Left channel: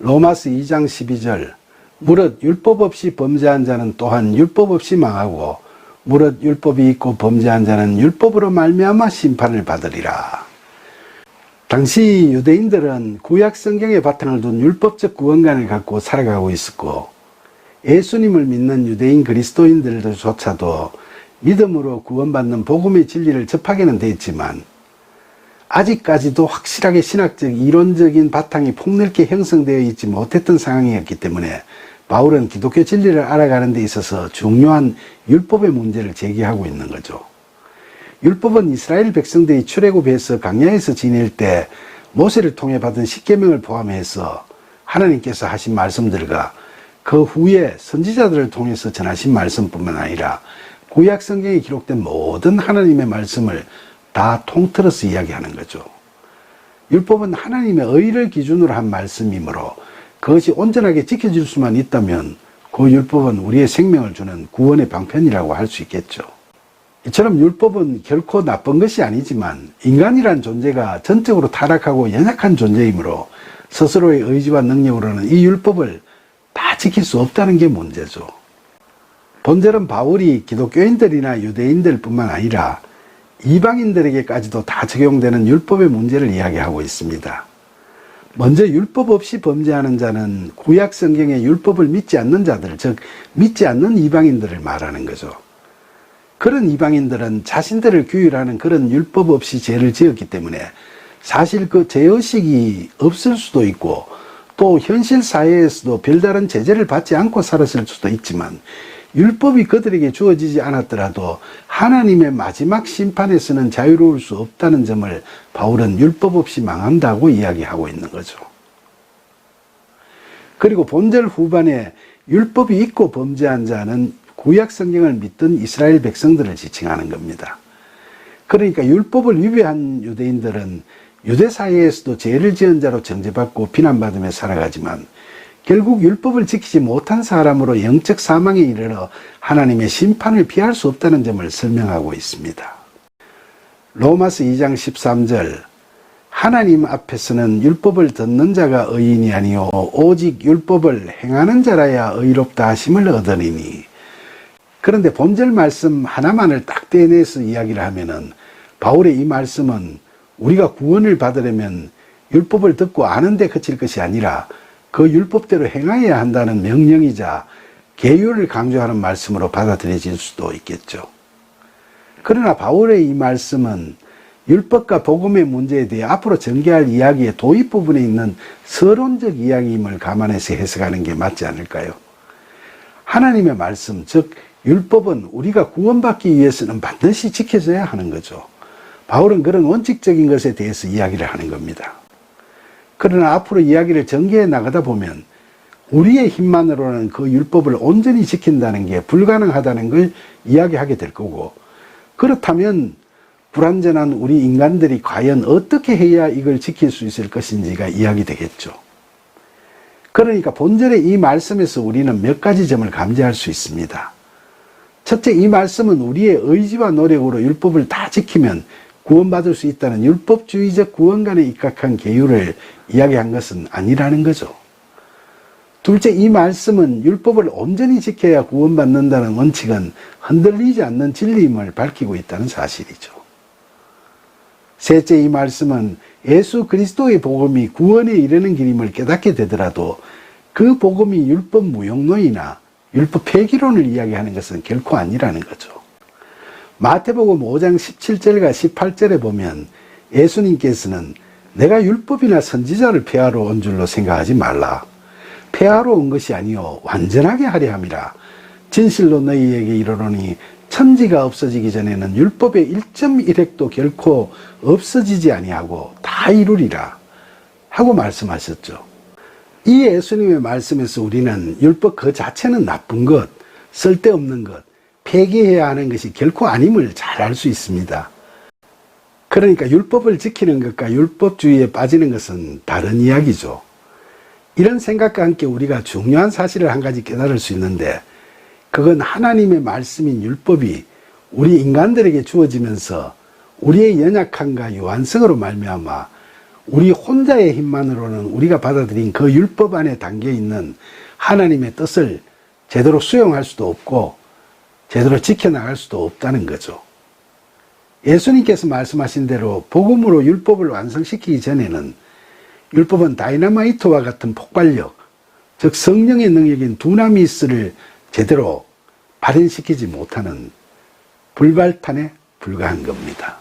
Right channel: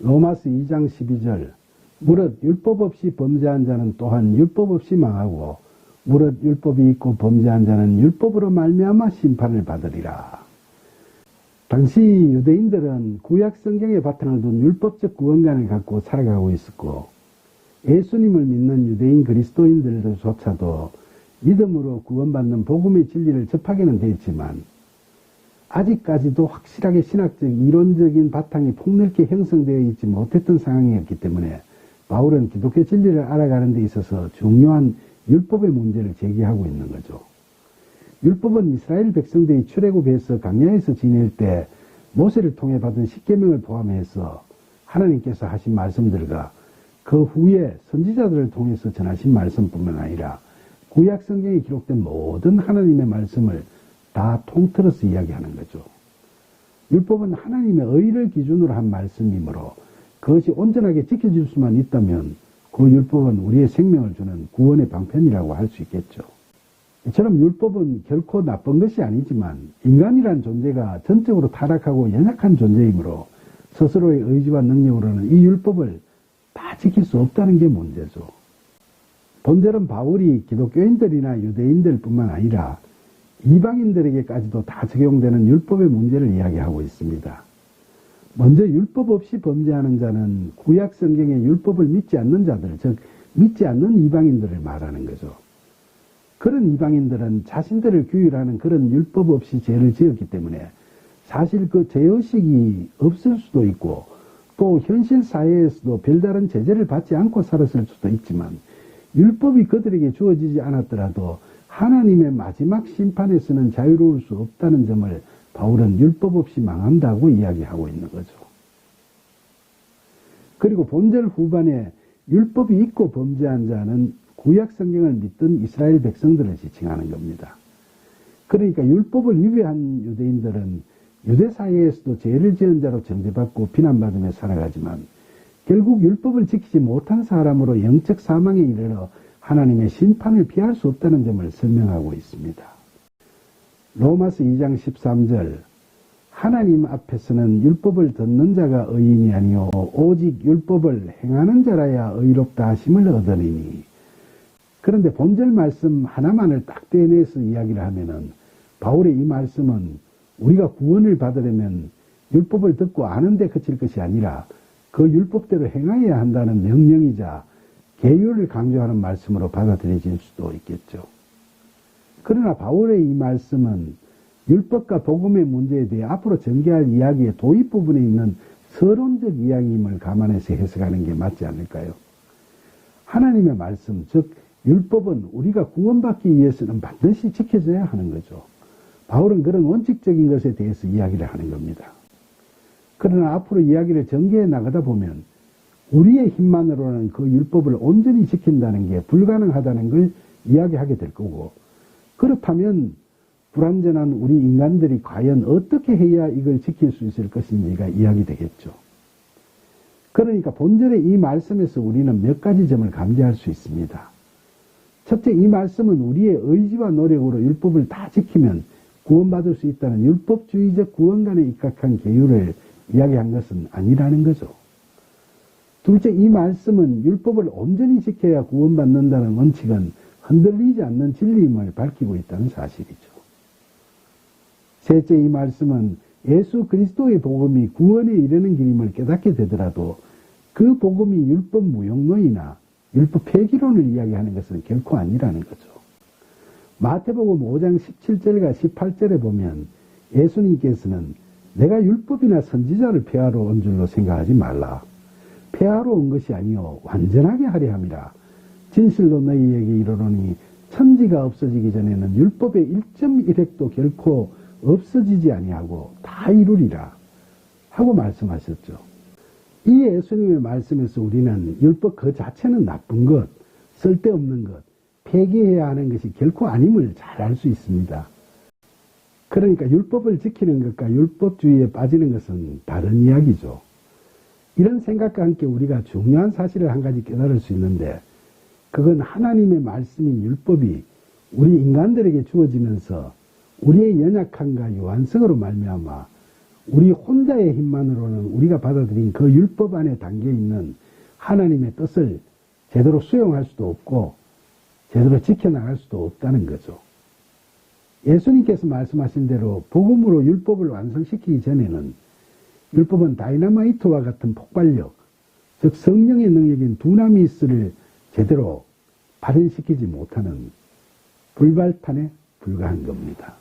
로마서 2장 12절 무릇 율법 없이 범죄한 자는 또한 율법 없이 망하고 무릇 율법이 있고 범죄한 자는 율법으로 말미암아 심판을 받으리라. 당시 유대인들은 구약 성경의 바탕을 둔 율법적 구원관을 갖고 살아가고 있었고 예수님을 믿는 유대인 그리스도인들조차도 믿음으로 구원받는 복음의 진리를 접하게는 되었지만 아직까지도 확실하게 신학적 이론적인 바탕이 폭넓게 형성되어 있지 못했던 상황이었기 때문에 바울은 기독교 진리를 알아가는 데 있어서 중요한 율법의 문제를 제기하고 있는 거죠. 율법은 이스라엘 백성들이 출애굽해서 광야에서 지낼 때 모세를 통해 받은 십계명을 포함해서 하나님께서 하신 말씀들과 그 후에 선지자들을 통해서 전하신 말씀뿐만 아니라 구약 성경에 기록된 모든 하나님의 말씀을 다 통틀어서 이야기하는 거죠. 율법은 하나님의 의를 기준으로 한 말씀이므로 그것이 온전하게 지켜질 수만 있다면 그 율법은 우리의 생명을 주는 구원의 방편이라고 할 수 있겠죠. 이처럼 율법은 결코 나쁜 것이 아니지만 인간이란 존재가 전적으로 타락하고 연약한 존재이므로 스스로의 의지와 능력으로는 이 율법을 다 지킬 수 없다는 게 문제죠. 본절은 바울이 기독교인들이나 유대인들 뿐만 아니라 이방인들에게까지도 다 적용되는 율법의 문제를 이야기하고 있습니다. 먼저 율법 없이 범죄하는 자는 구약 성경의 율법을 믿지 않는 자들, 즉 믿지 않는 이방인들을 말하는 거죠. 그런 이방인들은 자신들을 규율하는 그런 율법 없이 죄를 지었기 때문에 사실 그 죄의식이 없을 수도 있고 또 현실 사회에서도 별다른 제재를 받지 않고 살았을 수도 있지만 율법이 그들에게 주어지지 않았더라도 하나님의 마지막 심판에서는 자유로울 수 없다는 점을 바울은 율법 없이 망한다고 이야기하고 있는 거죠. 그리고 본절 후반에 율법이 있고 범죄한 자는 구약 성경을 믿던 이스라엘 백성들을 지칭하는 겁니다. 그러니까 율법을 위배한 유대인들은 유대 사회에서도 죄를 지은 자로 정죄받고 비난받으며 살아가지만 결국 율법을 지키지 못한 사람으로 영적 사망에 이르러 하나님의 심판을 피할 수 없다는 점을 설명하고 있습니다. 로마서 2장 13절 하나님 앞에서는 율법을 듣는 자가 의인이 아니요 오직 율법을 행하는 자라야 의롭다 하심을 얻으리니. 그런데 본절 말씀 하나만을 딱 떼내서 이야기를 하면은 바울의 이 말씀은 우리가 구원을 받으려면 율법을 듣고 아는데 그칠 것이 아니라 그 율법대로 행하여야 한다는 명령이자 계율을 강조하는 말씀으로 받아들여질 수도 있겠죠. 그러나 바울의 이 말씀은 율법과 복음의 문제에 대해 앞으로 전개할 이야기의 도입 부분에 있는 서론적 이야기임을 감안해서 해석하는 게 맞지 않을까요? 하나님의 말씀, 즉 율법은 우리가 구원받기 위해서는 반드시 지켜져야 하는 거죠. 바울은 그런 원칙적인 것에 대해서 이야기를 하는 겁니다. 그러나 앞으로 이야기를 전개해 나가다 보면 우리의 힘만으로는 그 율법을 온전히 지킨다는 게 불가능하다는 걸 이야기하게 될 거고, 그렇다면 불완전한 우리 인간들이 과연 어떻게 해야 이걸 지킬 수 있을 것인지가 이야기되겠죠. 그러니까 본절의 이 말씀에서 우리는 몇 가지 점을 감지할 수 있습니다. 첫째, 이 말씀은 우리의 의지와 노력으로 율법을 다 지키면 구원받을 수 있다는 율법주의적 구원관에 입각한 계율을 이야기한 것은 아니라는 거죠. 둘째, 이 말씀은 율법을 온전히 지켜야 구원받는다는 원칙은 흔들리지 않는 진리임을 밝히고 있다는 사실이죠. 셋째, 이 말씀은 예수 그리스도의 복음이 구원에 이르는 길임을 깨닫게 되더라도 그 복음이 율법 무용론이나 율법 폐기론을 이야기하는 것은 결코 아니라는 거죠. 마태복음 5장 17절과 18절에 보면 예수님께서는 내가 율법이나 선지자를 폐하러 온 줄로 생각하지 말라. 폐하러 온 것이 아니요 완전하게 하려 함이라. 진실로 너희에게 이르노니 천지가 없어지기 전에는 율법의 1.1획도 결코 없어지지 아니하고 다 이루리라 하고 말씀하셨죠. 이 예수님의 말씀에서 우리는 율법 그 자체는 나쁜 것, 쓸데없는 것, 폐기해야 하는 것이 결코 아님을 잘 알 수 있습니다. 그러니까 율법을 지키는 것과 율법주의에 빠지는 것은 다른 이야기죠. 이런 생각과 함께 우리가 중요한 사실을 한 가지 깨달을 수 있는데, 그건 하나님의 말씀인 율법이 우리 인간들에게 주어지면서 우리의 연약함과 유한성으로 말미암아 우리 혼자의 힘만으로는 우리가 받아들인 그 율법 안에 담겨 있는 하나님의 뜻을 제대로 수용할 수도 없고 제대로 지켜나갈 수도 없다는 거죠. 예수님께서 말씀하신 대로 복음으로 율법을 완성시키기 전에는 율법은 다이너마이트와 같은 폭발력, 즉 성령의 능력인 두나미스를 제대로 발현시키지 못하는 불발탄에 불과한 겁니다.